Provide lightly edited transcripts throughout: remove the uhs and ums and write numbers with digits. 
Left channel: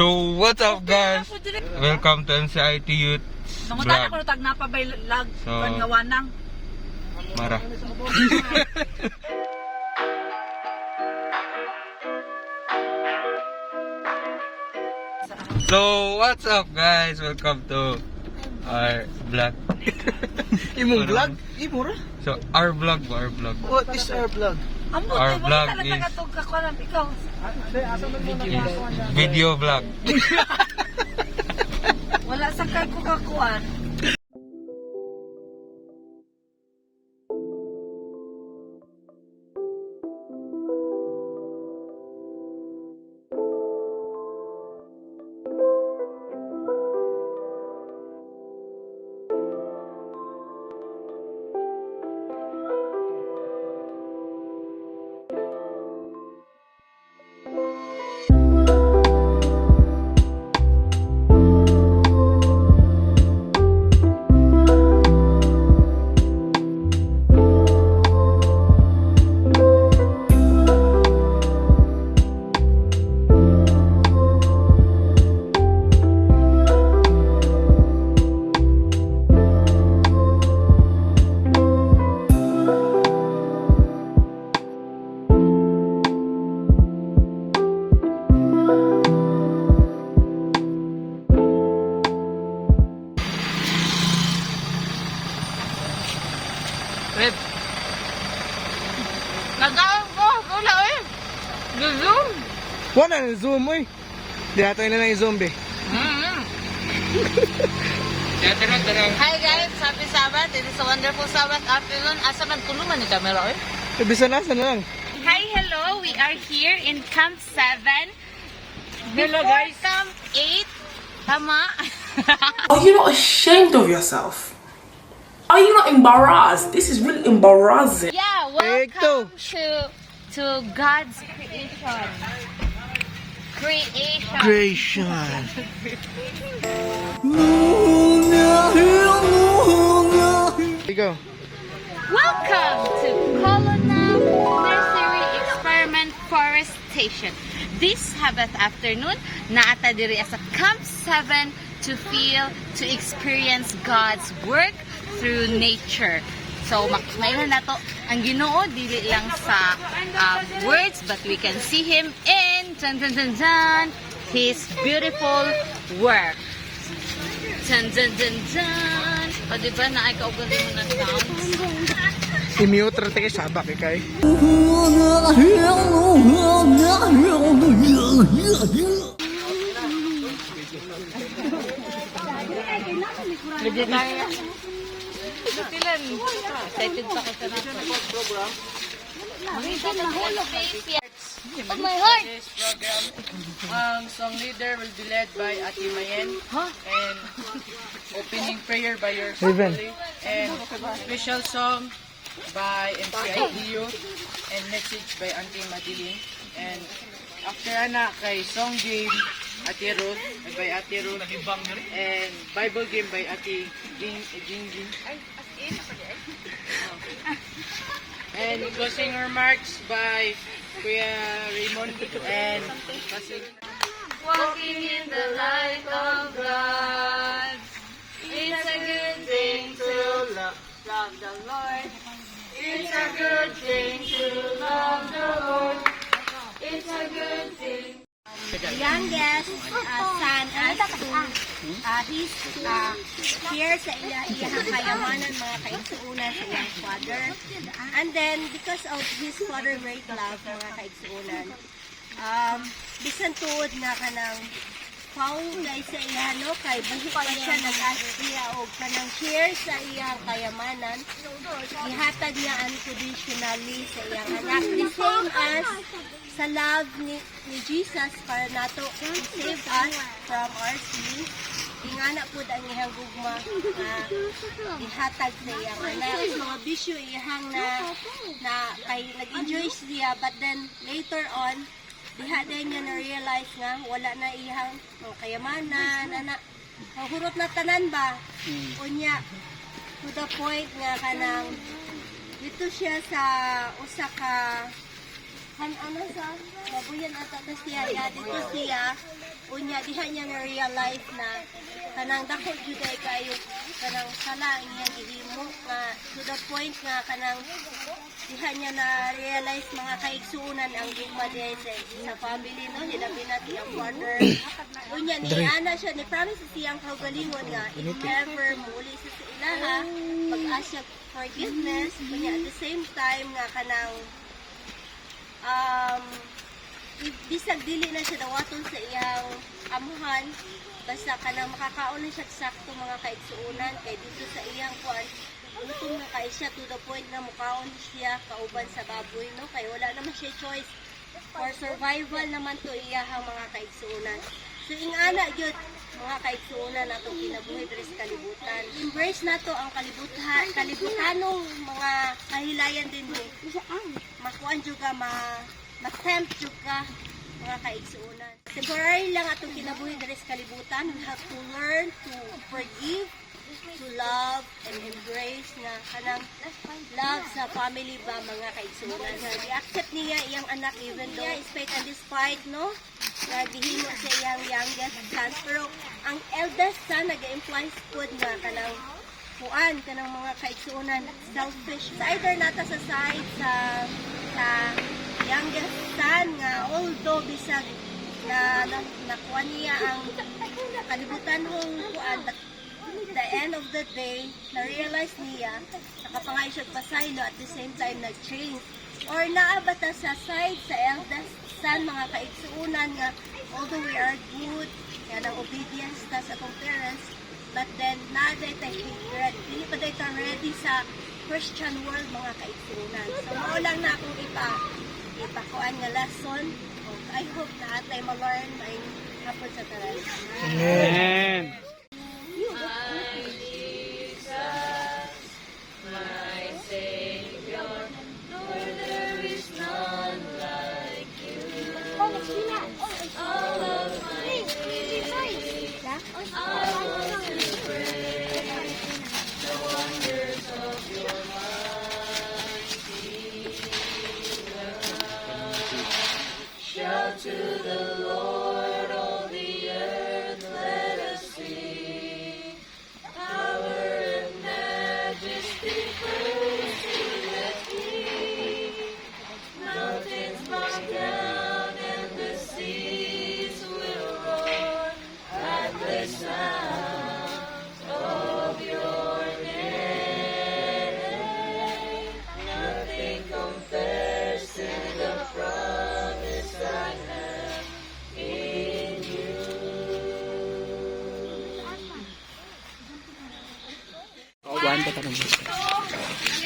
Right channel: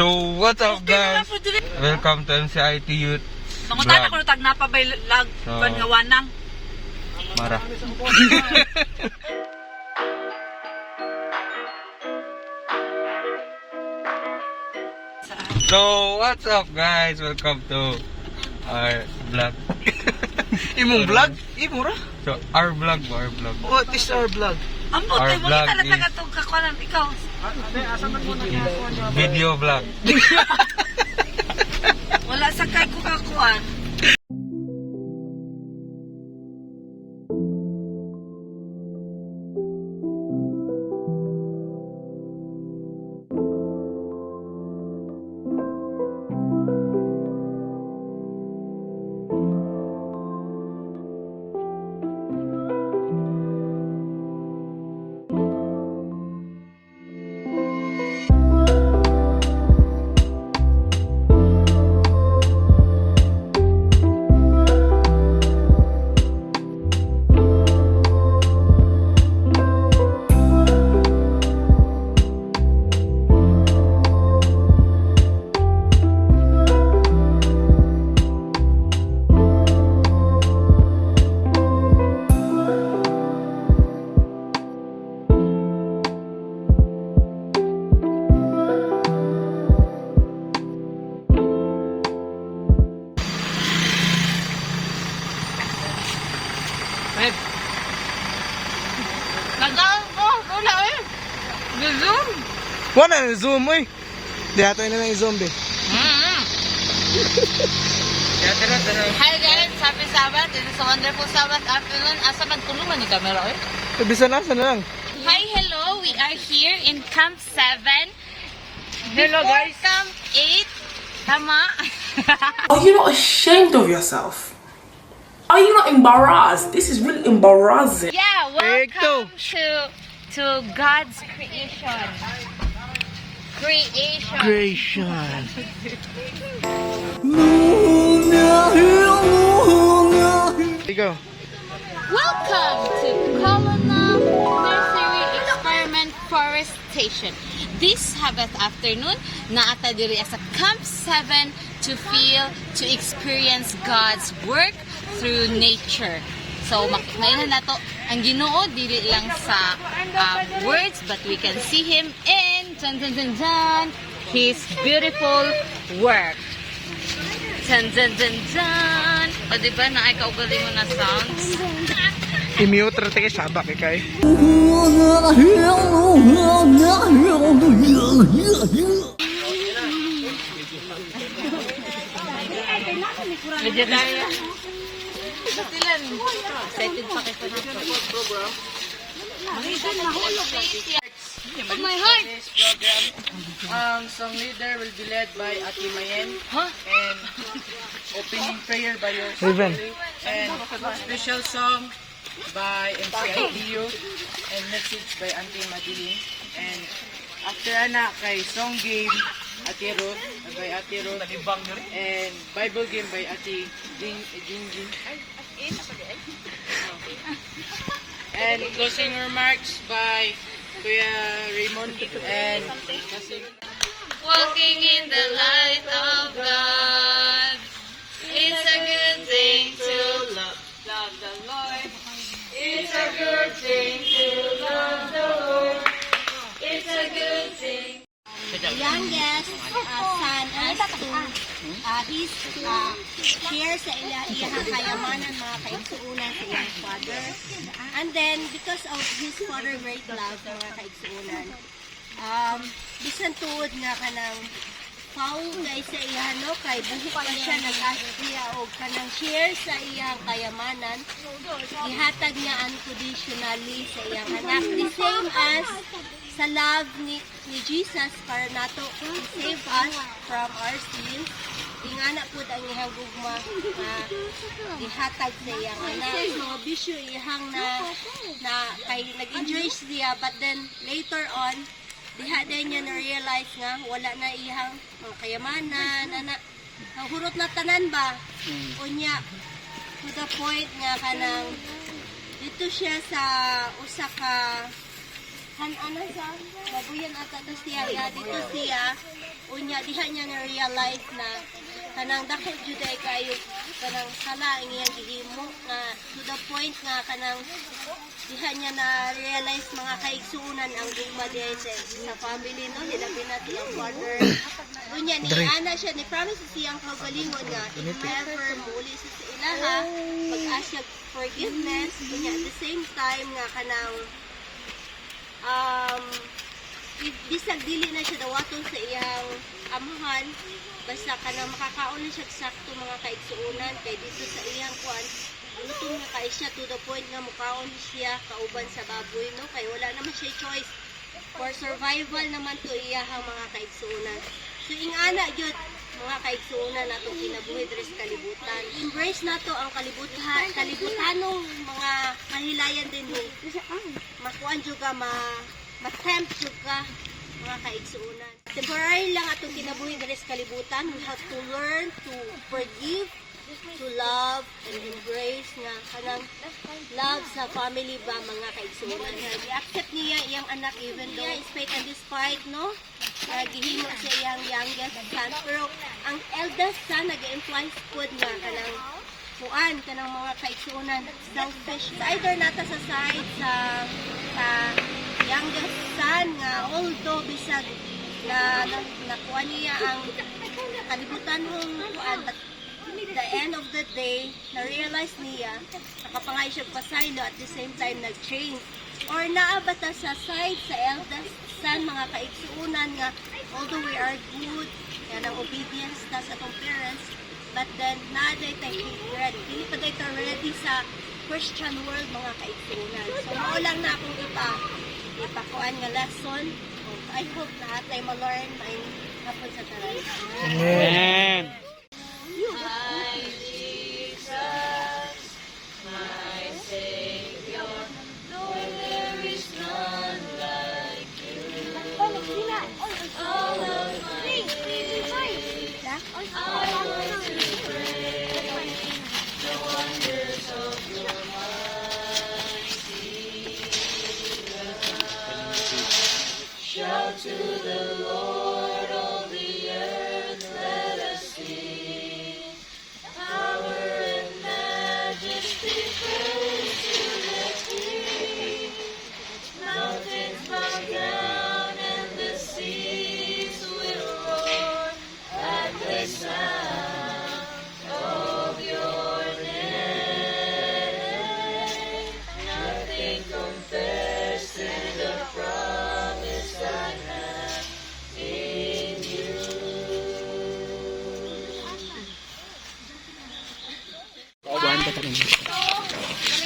So, what's up guys? Welcome to MCIT Youth Mangutan Vlog. ako tag napabay lag So, pangawanang. Mara. So, what's up guys? Welcome to our vlog. Imong vlog? Imo ra? So, our vlog. What is our vlog? Ambot Our ay mo vlog kita is- na tong kakuan ikaw. Video vlog. Wala sa kay ko kakuan. Red. Nagaon ko, wala eh. Zoom. Wala na zoom oy. Di ato na nang zombie. Hi guys, happy Sabbath. It is a wonderful Sabbath afternoon. Asa nagtulungan ni camera eh? Bisa na lang. Hi, hello. We are here in Camp 7. Hello, Before guys. Camp 8. Tama? Are you not ashamed of yourself? Are you not embarrassed? This is really embarrassing. Yeah, Take two. welcome to God's creation. Creation. Creation. Ikaw. Welcome to Colonna Nursery Experiment Forestation. This Sabbath afternoon, naata diri sa Camp 7 to feel, to experience God's work through nature. So, makmailhan na to ang Ginoo dili lang sa words, but we can see Him in His beautiful work. Dun, dun, dun, dun. O, diba na ay kaugaling mo na sounds? I-mute ra kay sabak kay. Excited pa kita na. Oh my heart! Song leader will be led by Ati Mayen Huh? and opening prayer by your Ruben. and special song by MCIT Youth and message by Auntie Madeline, and after ana kay song game Ate Ruth by Ate Ruth and Bible game by Ate Jingjing and closing remarks by Kuya Raymond and Pasig. Walking in the light of God. It's a good thing to love the Lord. It's a good thing to love the Lord. It's a good thing. Youngest son as to his share sa iyang kayamanan, mga kaigsuunan sa iyang father. And then, because of his father great love, mga kaigsuunan, bisan tuod nga kanang paong guys sa iya, no? Kay buhok pa siya nag-ask siya o kanang share sa iyang kayamanan, ihatag niya unconditionally sa iyang anak. The same as sa love ni Jesus para nato to save us from our sins. Ingana po ang iyang gugma na ihatag sa iyang anak. So, this yung iyang na kay nag-enjoy siya, but then later on, diha din niya na-realize nga wala na iyang mga kayamanan, anak. Hurot na tanan ba? Unya, to the point nga kanang dito siya sa usa ka ano sa babuyan ata to siya ya dito siya Unya diha niya na realize na kanang dako jud ay kayo kanang sala ang iyang gihimo nga to the point nga kanang diha niya na realize mga kaigsuunan ang gugma diha sa family no hilabi na tiyang father. Unya ni ana siya ni promise siyang kaugalingon nga if ever muli sa ilaha mag-ask siya forgiveness. Unya at the same time nga kanang bisag dili na siya dawaton sa iyang amuhan basta kanang makakaon na siya sakto mga kaigsuunan kay dito sa iyang kuan gutom na kay siya to the point nga mukaon siya kauban sa baboy no kay wala naman siya choice for survival naman to iyahang mga kaigsuunan. So ingana gyud mga kaigsuunan natong kinabuhi diri sa kalibutan. Embrace nato ang kalibutanong mga kahilayan din ni. Makuan jud ka ma-tempt jud ka mga kaigsuunan. Temporary lang atong kinabuhi diri sa kalibutan. We have to learn to forgive, to love, and embrace nga kanang love sa family ba mga kaigsuunan. I-accept niya iyang anak even though despite and despite no gihimo sa iyang youngest son. Pero ang eldest son nag-imply pod nga kanang kuan kanang mga kaigsuunan selfish. Sa either nata sa side sa youngest son nga although bisag na nakuha niya ang kalibutan ng kuan but the end of the day na-realize niya nakapangay siya pasaylo at the same time nag-change or naabata sa side sa eldest son mga kaigsuunan nga although we are good nga ng obedience ta sa atong parents but then naday tayo dili pa tayo ready sa Christian world mga kaigsuunan. So mao lang na akong ipakuan nga lesson. I hope na atay ma-learn maing hapon sa tanan. Amen.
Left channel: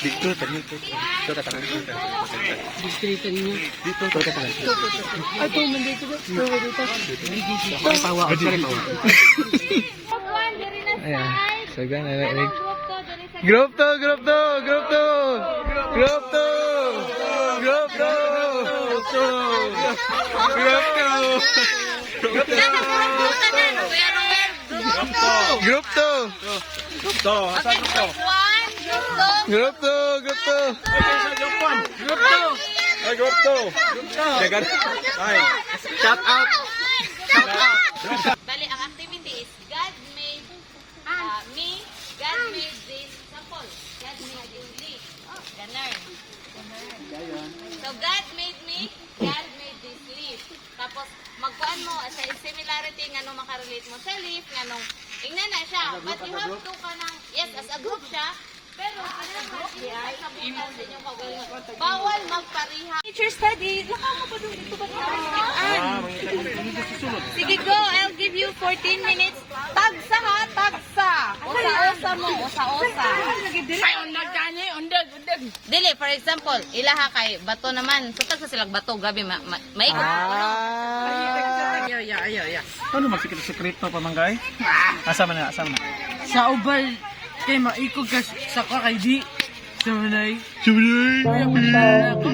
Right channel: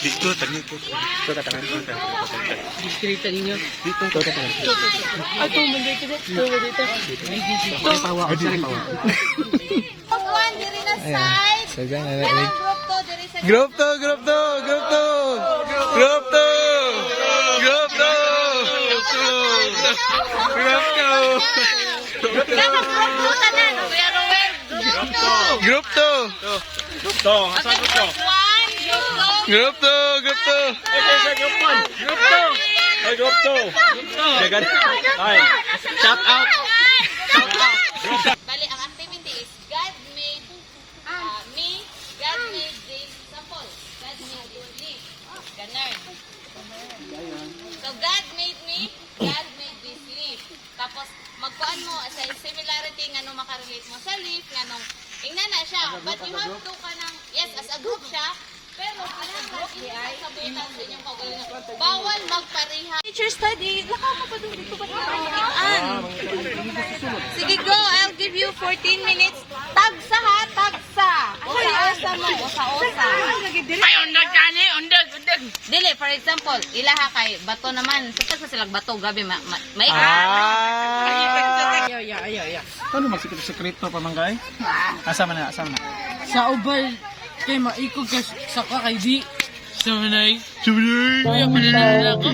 Dito, dito. Dito tatangan dito. Distrito ninyo. Dito tatangan. Ay, tumunday ko dito. Ay, pawa ako sa pawa. Kuan diri na Ayan. side. So, dyan, ano, Kanang group to diri sa Group to, group to, group to. Group to. Group to. Group to. Group to. Group to. One, group to. Group to. Group to. Jagan. Ay. Shout out. Shout out. Bali, ang activity is God made me, God made this sample. God made this leaf. Ganun. So, God made me, God made this leaf. Tapos, magkuan mo sa similarity nga nung makarelate mo sa leaf, nga nung ingnan na siya. But you have to kanang, yes, as a group siya, pero as a group, ay sabutan sa inyong kagalingan. Bawal magpariha. Teacher study, laka mo pa doon. Ito ba sige, go. I'll give you 14 minutes. Tagsa ha, tagsa. Osa-osa mo, osa-osa. Ay, undag gani, undag. Dili, for example, ilaha kay bato naman. Sa tagsa silang bato, gabi, maikat. Yeah. Ano magsikreto pa manggay? Asa man na, asa man na. Sa ubay, kay maikog ka sa kay di. Sa manay. Sumunay. Kaya paninala ako.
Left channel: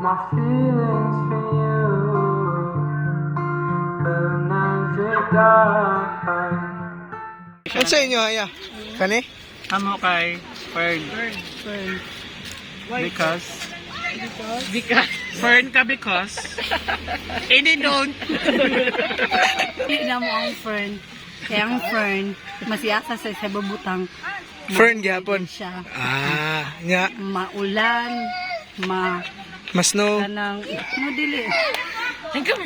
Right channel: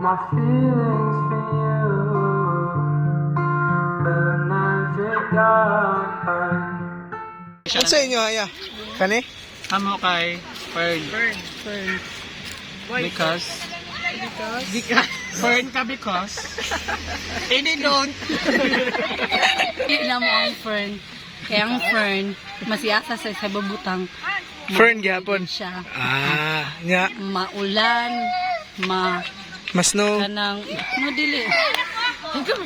My feelings for you will never die. Ano sa inyo, Haya? Kani? Amo kay Fern. Because Fern ka because ini don't. Ila mo ang fern. Kaya ang fern, masiyasa sa babutang. Fern gyapon. Siya. Ah, nya. Maulan, Mas no. kanang, no dili.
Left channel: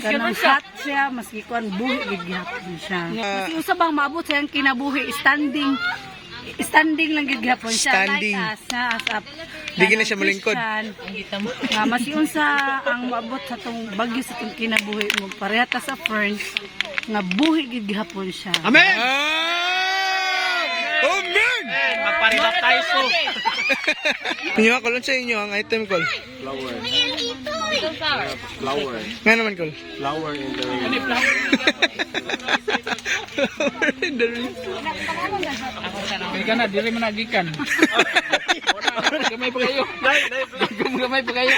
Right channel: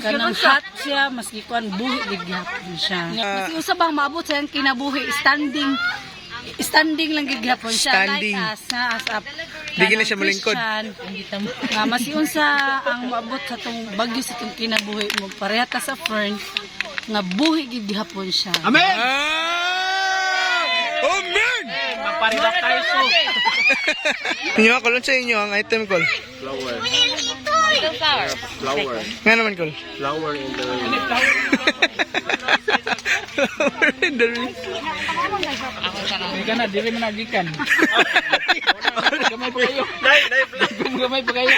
Kanang hot siya, maski kuan buhi gigyapon siya. Maski usab ang maabot sa iyang kinabuhi, standing lang gigyapon siya. Standing. Like as a Di gina siya malingkod. Nga masiun sa ang maabot sa tong bagyo sa tong kinabuhi mo pareha ta sa fern nga buhi gid gihapon siya. Amen! Amen! Inyo ako lang sa inyo ang item call. Flower. Nga naman call. Flower in the rain. Flower in the rain. May kana diri man nagikan. Gamay pa kayo. Gamay pa kayo.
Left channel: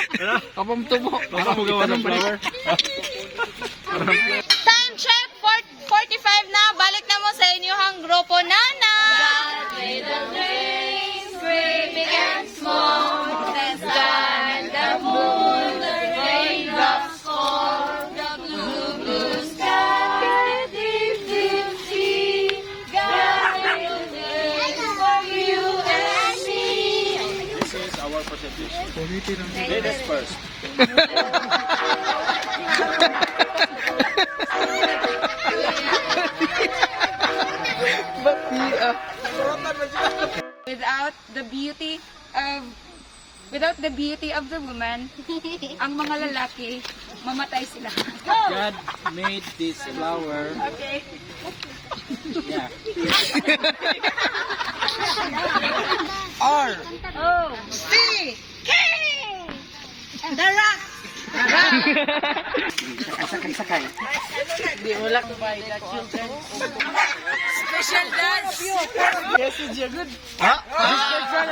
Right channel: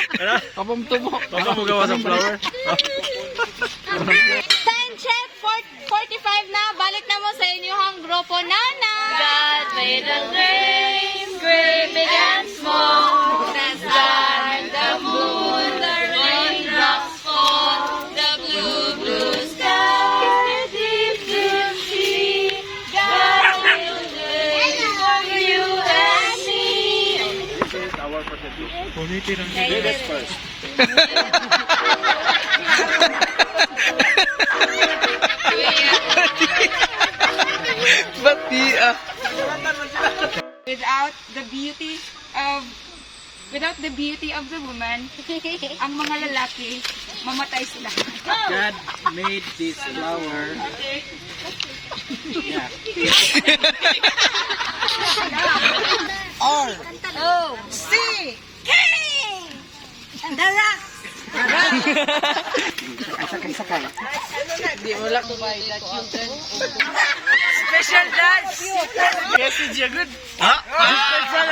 Kapam tubo. Ako gawa sa flower. Time check, 45 na. Balik na mo sa inyong grupo, Nana. God made the waves, great, big and small. The sun and the moon, the raindrops fall. The blue, blue sky, deep, deep sea. God will live for you and me. This is our presentation. Ladies first. Without the beauty of the woman, ang mga lalaki, mamatay sila. God made this flower. Yeah. R. Oh! Sakay. Di wala ko ba the children. Special dance. Yes, it's good. Special.